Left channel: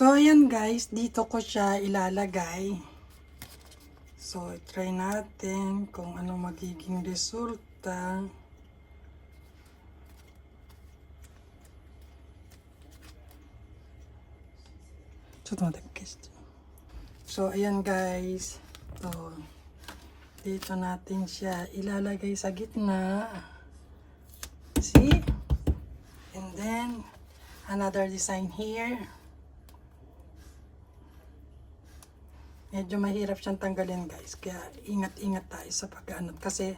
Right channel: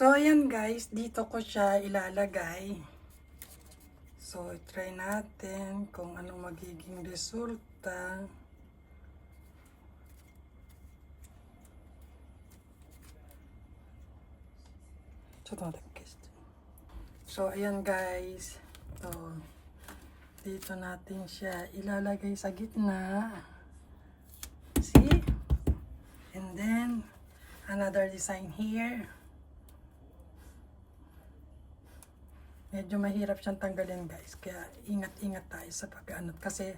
So, ayan guys, dito ko siya ilalagay. So, try natin kung anong magiging resulta. So, ayan guys. So, dito natin siya ilalagay sa gitna. See? And then, another design here. Medyo mahirap siyang tanggalin guys. Kaya ingat-ingat tayo sa pag-ano. Kasi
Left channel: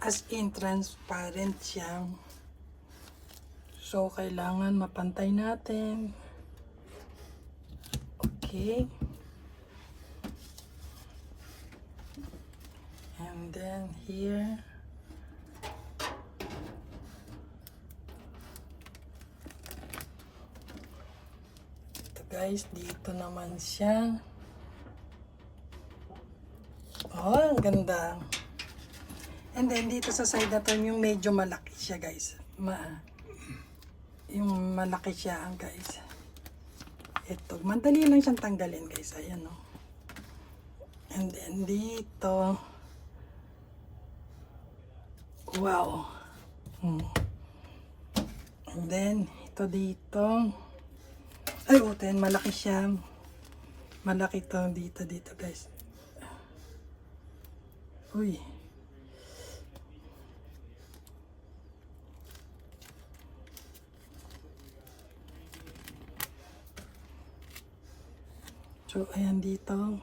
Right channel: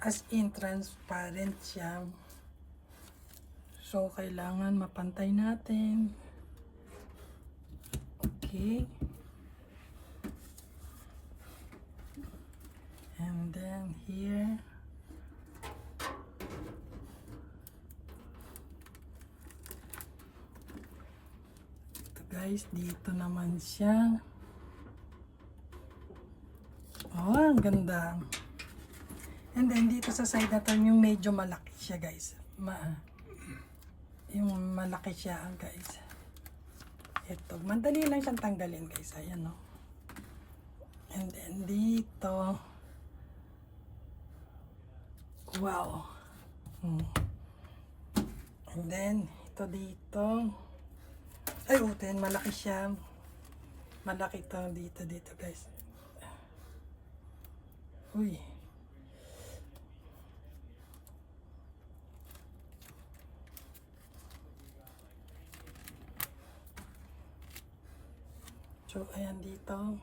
as in transparent siya. So kailangan mapantay natin. Okay. And then here. Ito guys, dito naman siya. Oh, ang ganda. And then, dito sa side na to, yung medyo malaki siya, guys. Yung malaki siya, guys. Ito, madali lang siyang tanggalin, guys. Ayan, oh. And then, dito. Wow. And then, ito dito. Ay, utin, malaki siya. Malaki to dito, guys. Uy. So, ayan dito.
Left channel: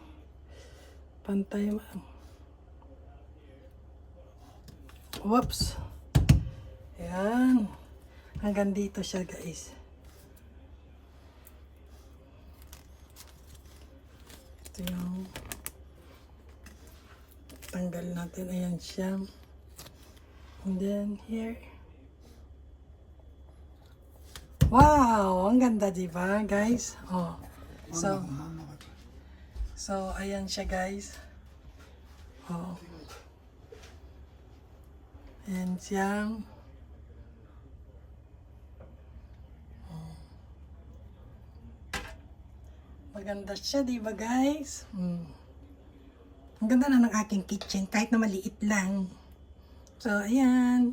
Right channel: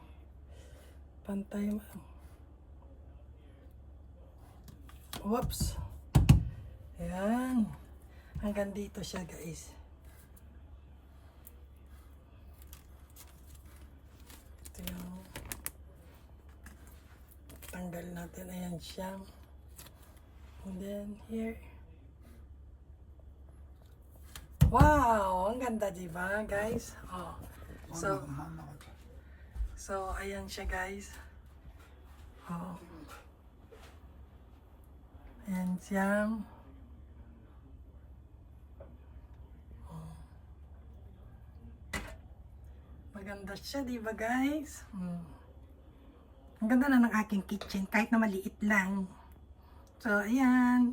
Pantay man. Whoops. Ayan. Hanggang dito siya, guys. Ito yung tanggal natin. Ayan siya. And then, here. Wow! Ang ganda, diba, guys? Oh. So, ayan siya, guys. Oh. Ayan siya. Oh. Maganda siya, diba, guys? Ang ganda na ng aking kitchen, kahit na maliit lang. So, ayan.